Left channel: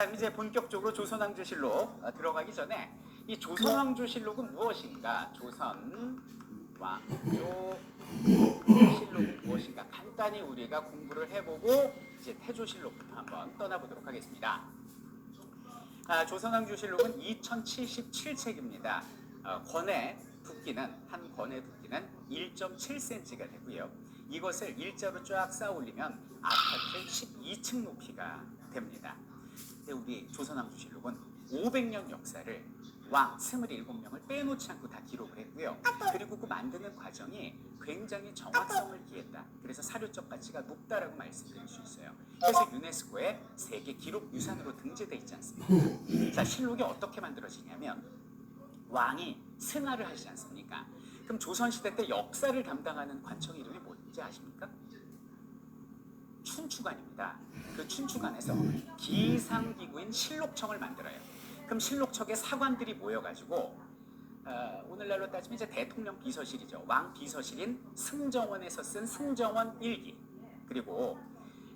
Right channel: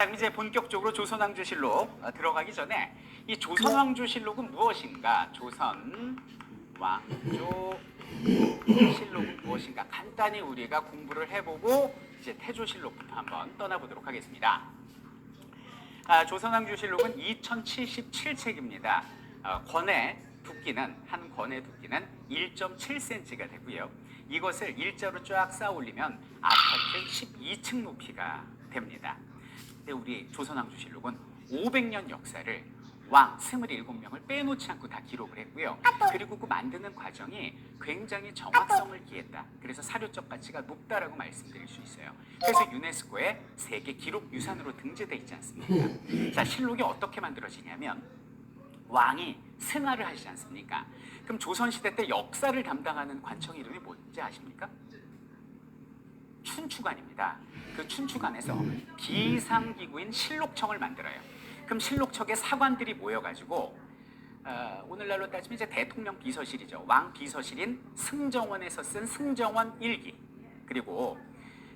그럼 이제 본격적으로 조선왕조실록 들어가기 전에 이 조선왕조실록은 무엇인가? 조선왕조실록은 무엇인가? 간단히 우리가 공부를 해보고 이제 태조실록부터 한번 떠나보도록 하겠습니다. 조선왕조실록은 2077책입니다. 권의 두께는 한 권의 두께는 1.7cm가 되고요. 이것을 일자로 쫙 쌓아 올리면 아파트 12층 높이가 됩니다. 우리 조선왕조실록은 500년 역사를 왕 27명을 빼놓지 않고 다 기록을 했고요. 그리고 그 만드는 과정이 굉장히 정확성을 기했다. 그래서 사료적 가치가 높다라고 말씀드릴 수 있어요. 그래서 유네스코의 세계 기록 유산으로 등재돼 있지 않습니까? 자, 실록이 어떻게 만들어지냐면 왕이 승하를 하시지 않습니까? 그럼 조선시대 때 역사를 담당하는 관청 이름이 뭔지 아십니까? 춘추관입니다. 그 춘추관에서 비상기구인 실록청을 만들어요. 그럼 실록청에 사관들이 모여가지고 오늘날로 따지면 이제 대통령 비서실이죠. 왕 비서실인 승정원에서 쓴 승정원 일기, 그리고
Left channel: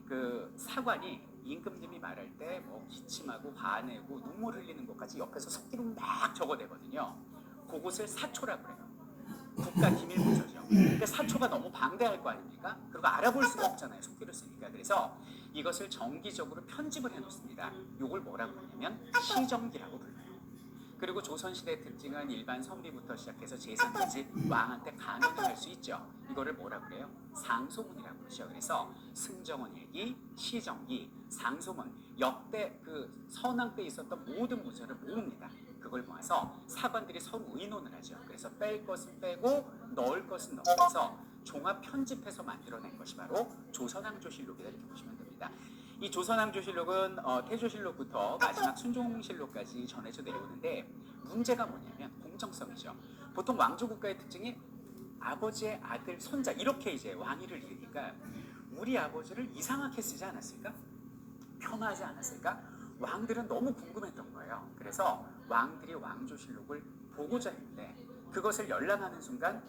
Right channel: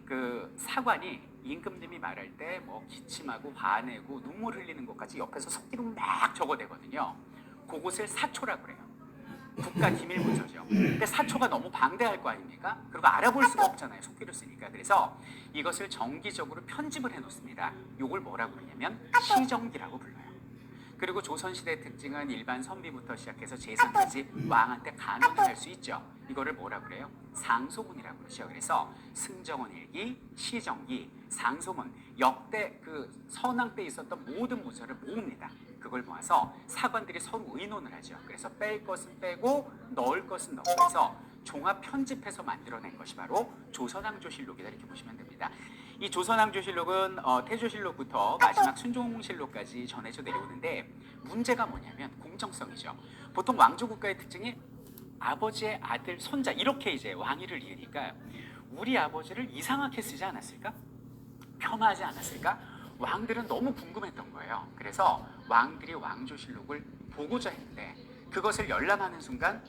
그 사관이 임금님이 말할 때 뭐 기침하고 화내고 눈물 흘리는 것까지 옆에서 석기로 막 적어대거든요. 그곳을 사초라고 그래요. 국가기밀문서죠. 근데 사초가 너무 방대할 거 아닙니까? 그리고 알아볼 수가 없잖아요. 속기를 쓰니까. 그래서 이것을 정기적으로 편집을 해놓습니다. 이걸 뭐라고 그러냐면 시정기라고 불러요. 그리고 조선시대의 특징은 일반 선비부터 시작해서 재산까지 왕한테 간언을 할 수 있죠. 이거를 뭐라고 그래요? 상소문이라고 그러죠. 그래서 승정원 일기, 시정기, 상소문, 역대 그 선왕 때 있었던 모든 문서를 모읍니다. 그걸 모아서 사관들이 서로 의논을 하죠. 그래서 뺄 것은 빼고 넣을 것은 넣어서 종합 편집해서 만들어낸 것이 바로 조선왕조실록이다, 이렇게 보시면 됩니다. 이 조선왕조실록은 태조실록부터 마지막 순종실록까지 전해져 내려오는데 문제가 뭐냐면 공정성이죠. 보통 왕조국가의 특징이 아버지의 아들, 손자 이렇게 이제 왕위를 이으니까 우리 아버지를 이상하게 쓰지 않았을까? 폄하하지 않았을까? 왕들은 너무 궁금했던 거예요. 그래서 왕들이 왕조실록을 보고자 했는데 그것을 열람하는 순간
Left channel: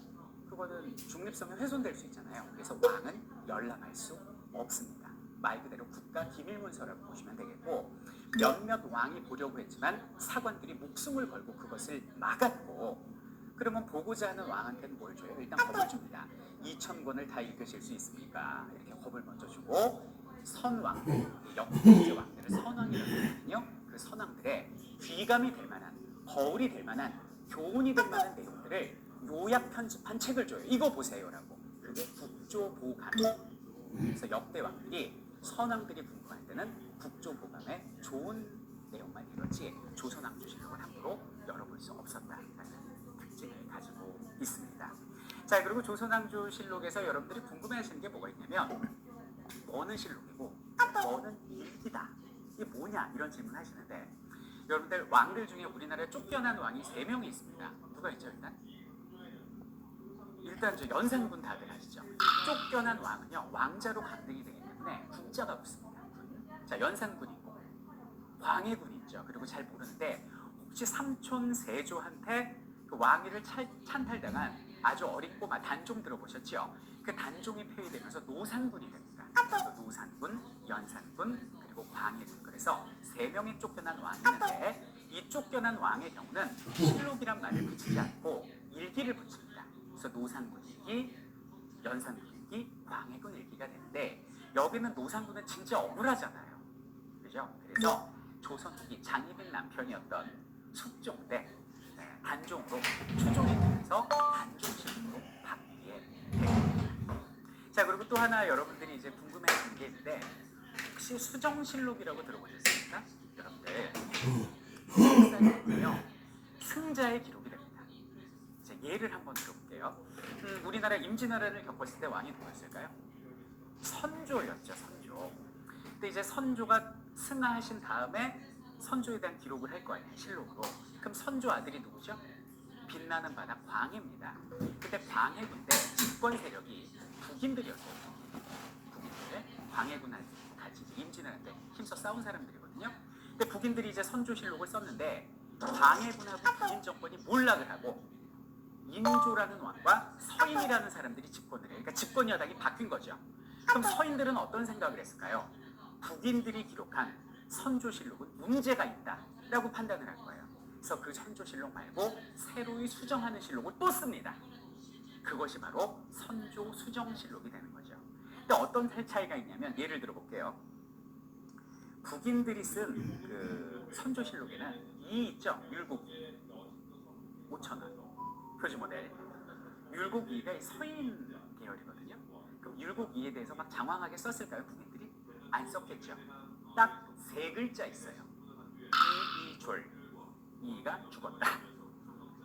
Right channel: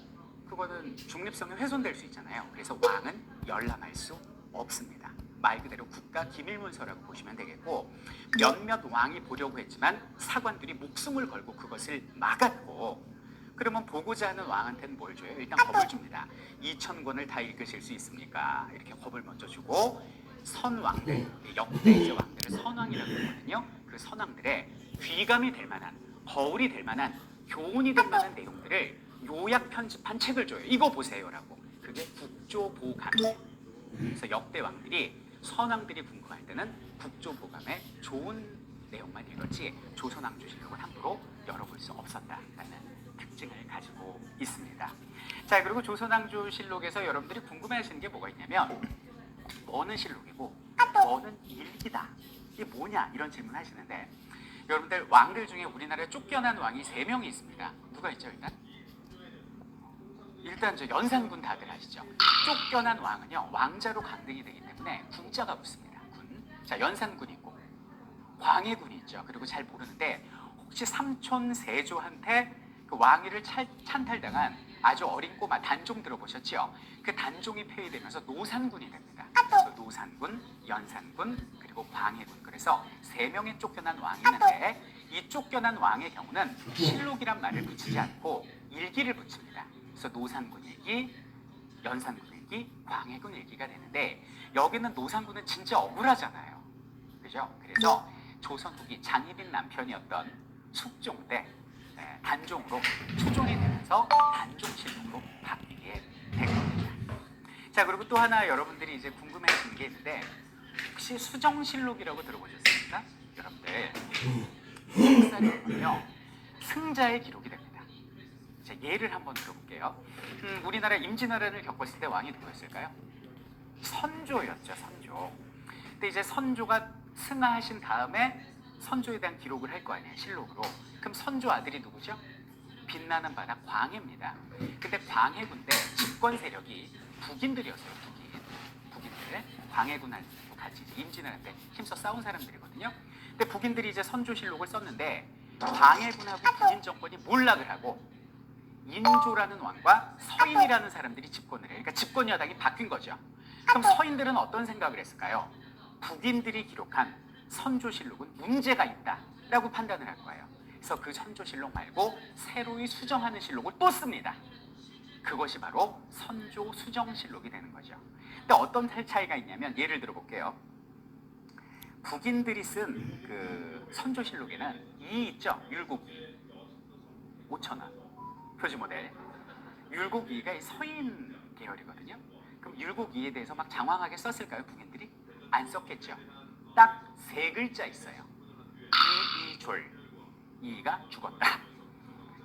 그거는 중립성이 훼손될 수 있잖아요. 그래서 왕은 열람할 수 없습니다. 말 그대로 국가기밀문서라고 보시면 되겠고, 몇몇 왕이 보려고 했지만 사관들이 목숨을 걸고 그것을 막았고, 그러면 보고자 하는 왕한테는 뭘 줘요? 일단 겁을 줍니다. 2,000권을 다 읽으실 수 있습니까? 이렇게 겁을 먼저 주고, 선왕들, 역대 왕들을 선왕이라고 하거든요. 그 선왕들의 귀감이 될 만한, 거울이 될 만한, 교훈이 될 만한 내용들을 요약 편집한 책을 줘요. 이거 보세요라고. 그게 국조보감이에요. 그래서 역대 왕들이 선왕들이 궁금할 때는 국조보감의 좋은 내용만 읽었지 조선왕조실록을 함부로 열어볼 수 없었다라는 특징을 가지고 있습니다. 자, 그리고 조선왕조실록에서 여러분들이 궁금해하시는 게 뭐가 있냐면 뭐는 실록이고 뭐는 일기다, 이게 뭐냐, 이런 질문 하시는데, 여러분들 왕들 중에 우리나라에 쫓겨난 왕이 3명이 있습니다. 누가 있죠? 일단 저 연산군 다들 아시죠? 쫓겨난 왕은요 왕자로 강등이 되기 때문에 군자가 붙습니다. 군. 자, 연산군 있고 광해군이 있죠. 그리고 잘 모르는데 혹시 삼촌 세조한테 그 왕위를 찬탈당한 아주 어린 꼬마 단종 들어보셨죠? 그 단종이 폐위되면서 노산군이 됩니다. 그래서 노산군, 연산군, 그리고 광해군. 그래서 3명의 쫓겨난 왕이 있는데 이 쫓겨난 왕의 경우는 실록이란 말을 붙이지 않고 일기를 붙입니다. 그래서 노산군 일기, 연산군 일기, 광해군 일기가 되는데 여기는 노산군은 진짜 억울하잖아요. 그죠? 그래서 조선 후기 장희빈 남편이었던 숙종 때 단종으로 추종이 되면서 단종실록으로 바뀌게 된 겁니다. 자, 그리고 또 하나 여러분들이 이제 궁금해하시는 게 있는데 혹시 수정실록이라고 들어보셨습니까? 여러분들 역사는요 승자의 기록이 됩니다. 자, 예를 한번 들어볼게요. 우리나라 임진왜란을 겪었을 때 왕이 누구였을까요? 선조였죠. 선조. 근데 이제 선조가 승하하신 다음에 선조에 대한 기록을 할 거 아니에요, 실록으로. 그럼 선조 아들이 누구죠? 빛나는 바다 광해입니다. 근데 광해군 때 집권 세력이 북인들이었어요. 북인들. 광해군하고 같이 임진왜란 때 힘써 싸운 사람들이거든요. 근데 북인들이 이제 선조실록을 썼는데 광해군하고 북인 정권이 몰락을 하고 인조라는 왕과 서인이라는 사람들이 집권을 해요. 그러니까 집권 여당이 바뀐 거죠. 그럼 서인들은 어떤 생각을 했을까요? 북인들이 기록한 선조실록은 문제가 있다라고 판단을 할 거예요. 그래서 그 선조실록 말고 새로이 수정하는 실록을 또 씁니다. 그것이 바로 선조수정실록이 되는 거죠. 근데 어떤 차이가 있냐면 예를 들어 볼게요. 북인들이 쓴 그 선조실록에는 이 있죠. 율곡이 5,000원 표지 모델. 율곡이가 서인 계열이거든요. 그럼 율곡이에 대해서 막 장황하게 썼을까요? 북인들이? 안 썼겠죠. 딱 세 글자 있어요. 이졸. 이가 죽었다.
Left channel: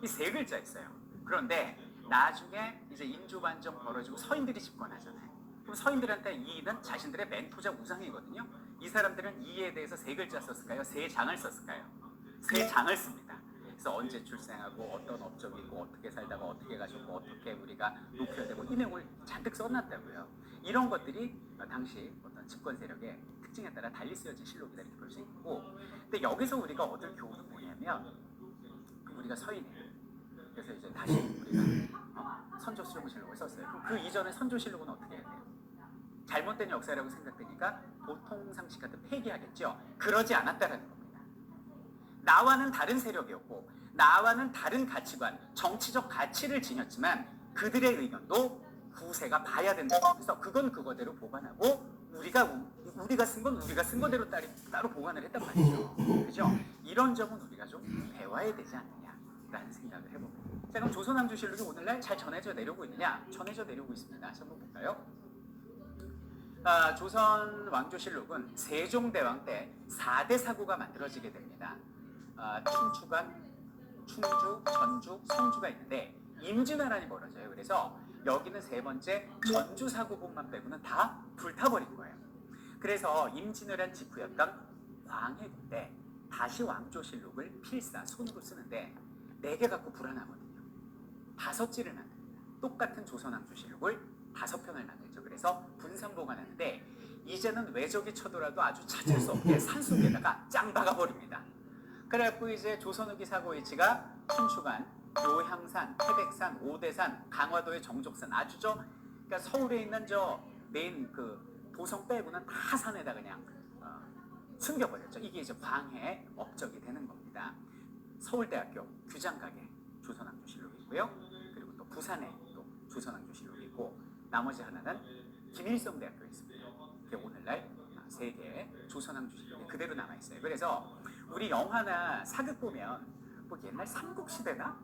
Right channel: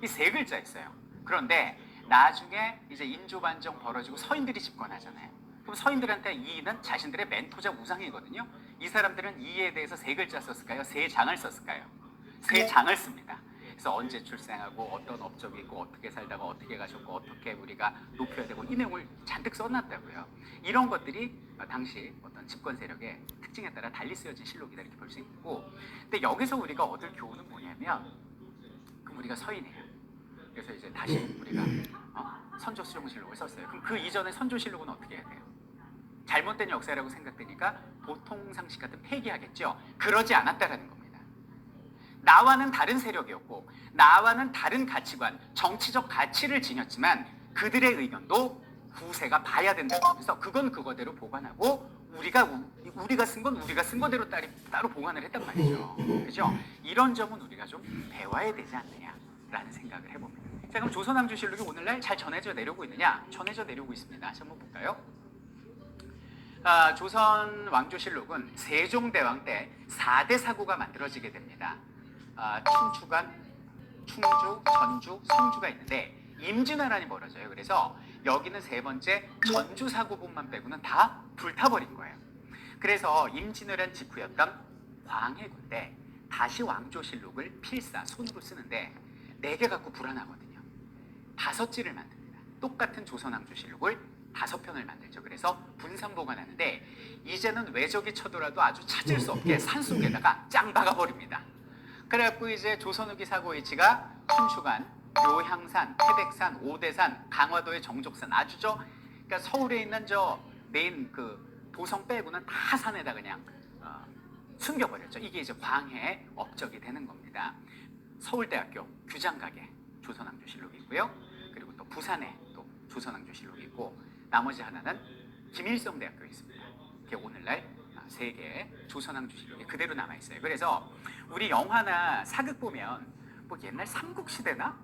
이 세 글자 있어요. 그런데 나중에 이제 인조반정 벌어지고 서인들이 집권하잖아요. 그럼 서인들한테 이는 자신들의 멘토자 우상이거든요. 이 사람들은 이에 대해서 세 글자 썼을까요? 세 장을 썼을까요? 세 장을 씁니다. 그래서 언제 출생하고 어떤 업적이 있고 어떻게 살다가 어떻게 가셨고 어떻게 우리가 높여야 되고 이 내용을 잔뜩 써놨다고요. 이런 것들이 당시 어떤 집권 세력의 특징에 따라 달리 쓰여진 실록이다 이렇게 볼 수 있고, 근데 여기서 우리가 얻을 교훈은 뭐냐면, 그럼 우리가 서인이에요. 그래서 이제 다시 우리가 선조수정실록을 썼어요. 그럼 그 이전에 선조실록은 어떻게 해야 돼요? 잘못된 역사라고 생각되니까 보통 상식 같은 폐기하겠죠. 그러지 않았다라는 겁니다. 나와는 다른 세력이었고 나와는 다른 가치관, 정치적 가치를 지녔지만 그들의 의견도 후세가 봐야 된다고. 그래서 그건 그거대로 보관하고 우리가 쓴 건 우리가 쓴 거대로 따로 보관을 했단 말이죠. 그죠? 이런 점은 우리가 좀 배워야 되지 않느냐라는 생각을 해봅니다. 자, 그럼 조선왕조실록이 오늘날 잘 전해져 내려오고 있느냐? 전해져 내려오고 있습니다. 다시 한번 볼까요? 조선 왕조실록은 세종대왕 때 4대 사구가 만들어지게 됩니다. 춘추관, 충주, 전주, 성주가 있는데 임진왜란이 벌어져요. 그래서 여기는 세 번째 전주사구본만 빼고는 다 불타버린 거예요. 그래서 임진왜란 직후였던 광해군 때 다시 왕조실록을 필사, 손으로 쓰는데 4개 갖고 불안하거든요. 5지를 만듭니다. 똑같은 조선왕조실록을 5편을 만들죠. 그래서 분산 보관하는데 이제는 외적이 쳐들어도 아주 찾을 수 없게 산속에다가 짱 박아버립니다. 그래갖고 이제 조선 후기 사고 위치가 춘추관, 묘향산, 태백산, 오대산, 강화도의 정족산, 아주죠. 그러니까 서울에 있는 저 메인 그 도성 빼고는 다 산에다 그냥 숨겨버렸죠. 이게 이제 광해의 업적이 되는 겁니다. 서울대학교 규장각에 조선왕조실록이 있고요. 그리고 또 부산에 또 조선왕조실록이 있고 나머지 하나는 김일성대학교에 있습니다. 이게 오늘날 세 개의 조선왕조실록이 그대로 남아 있어요. 그래서 우리 영화나 사극 보면 뭐 옛날 삼국시대나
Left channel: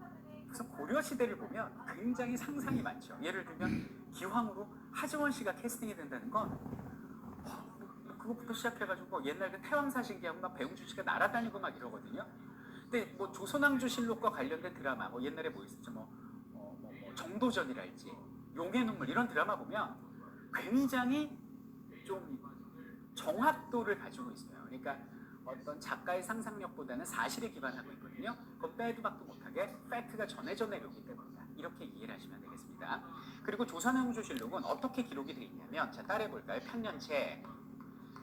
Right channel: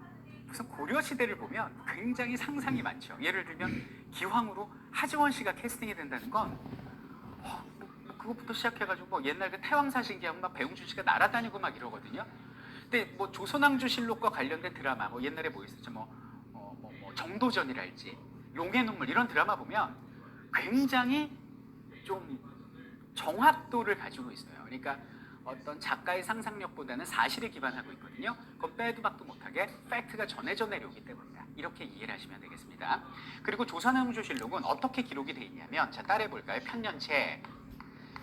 무슨 고려시대를 보면 굉장히 상상이 많죠. 예를 들면 기황으로 하지원 씨가 캐스팅이 된다는 건 그것부터 시작해가지고 옛날 그 태왕사신기하면 막 배용준 씨가 날아다니고 막 이러거든요. 근데 뭐 조선왕조실록과 관련된 드라마 뭐 옛날에 뭐 있었죠. 뭐 정도전이랄지 용의 눈물 이런 드라마 보면 굉장히 좀 정확도를 가지고 있어요. 그러니까 어떤 작가의 상상력보다는 사실에 기반하고 있거든요. 그건 빼도 박도 못하게 팩트가 전해져 내려오기 때문이다. 이렇게 이해를 하시면 되겠습니다. 그리고 조선왕조실록은 어떻게 기록이 되어 있냐면, 자 따라해 볼까요? 편년체.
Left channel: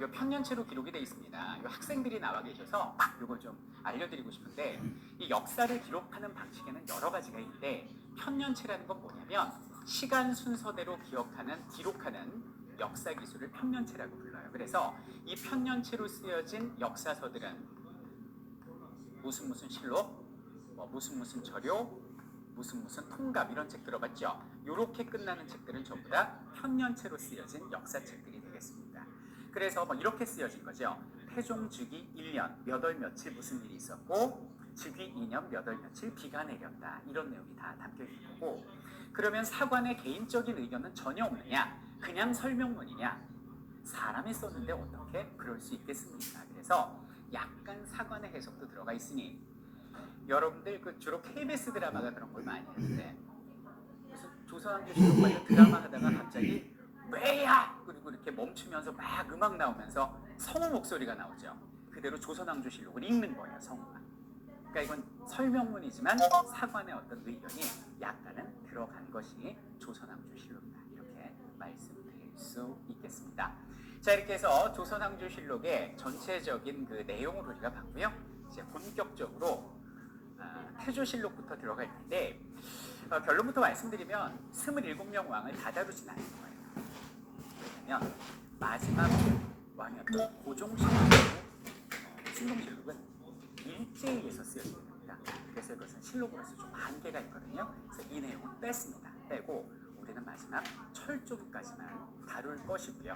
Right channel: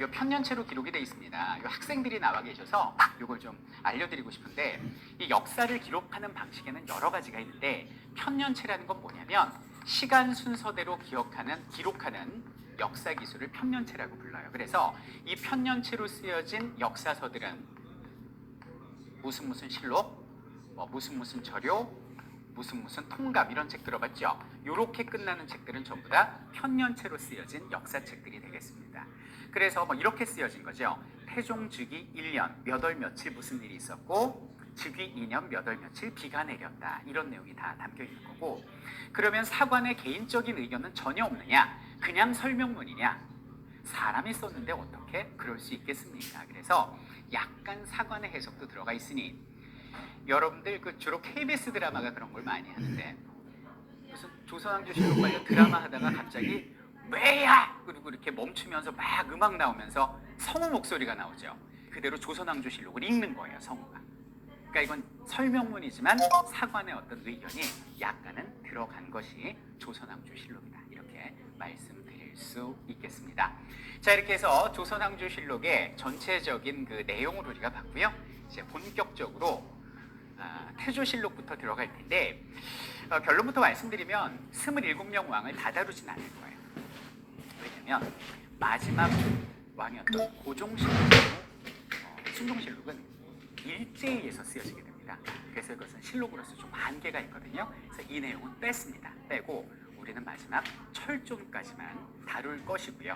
이 편년체로 기록이 되어 있습니다. 이 학생들이 나와 계셔서 이걸 좀 알려드리고 싶은데, 이 역사를 기록하는 방식에는 여러 가지가 있는데 편년체라는 건 뭐냐면 시간 순서대로 기록하는 역사 기술을 편년체라고 불러요. 그래서 이 편년체로 쓰여진 역사서들은 무슨 실록, 무슨 저료, 무슨 통갑 이런 책 들어봤죠? 이렇게 끝나는 책들은 전부 다 편년체로 쓰여진 역사책들이 되겠습니다. 그래서 이렇게 쓰여진 거죠. 태종 즉위 1년 몇 월 며칠 무슨 일이 있었고 즉위 2년 몇 월 며칠 비가 내렸다. 이런 내용이 다 담겨 있는 거고, 그러면 사관의 개인적인 의견은 전혀 없느냐? 그냥 설명문이냐? 사람이 썼는데 어떻게 그럴 수 있겠습니까? 그래서 약간 사관의 해석도 들어가 있으니 여러분들 주로 KBS 드라마가 그런 걸 많이 하는데 무슨 조선왕조실록 관련 드라마 하다가 갑자기 왜야! 그리고 이렇게 멈추면서 막 음악 나오면서 성우 목소리가 나오죠. 그대로 조선왕조실록을 읽는 거예요, 성우가. 그러니까 이건 설명문이지만 사관의 어떤 의견이 약간은 들어간 것이 조선왕조실록이다. 이렇게 말씀드릴 수 있겠습니다. 자, 이렇게 해서 조선왕조실록의 전체적인 그 내용을 우리가 봤고요. 이제 본격적으로 태조실록부터 들어갈 텐데 결론부터 말씀드리면 27명 왕을 다 다루진 않을 거예요. 왜냐면 마지막 왕이었던 고종실록 충동실록은 일제에서 쓰여지게 됩니다. 그래서 이것은 실록으로서 좀 한계가 있거든요. 그래서 이 내용은 뺐습니다. 빼고 우리는 마지막 철종까지만 다룰 것이고요.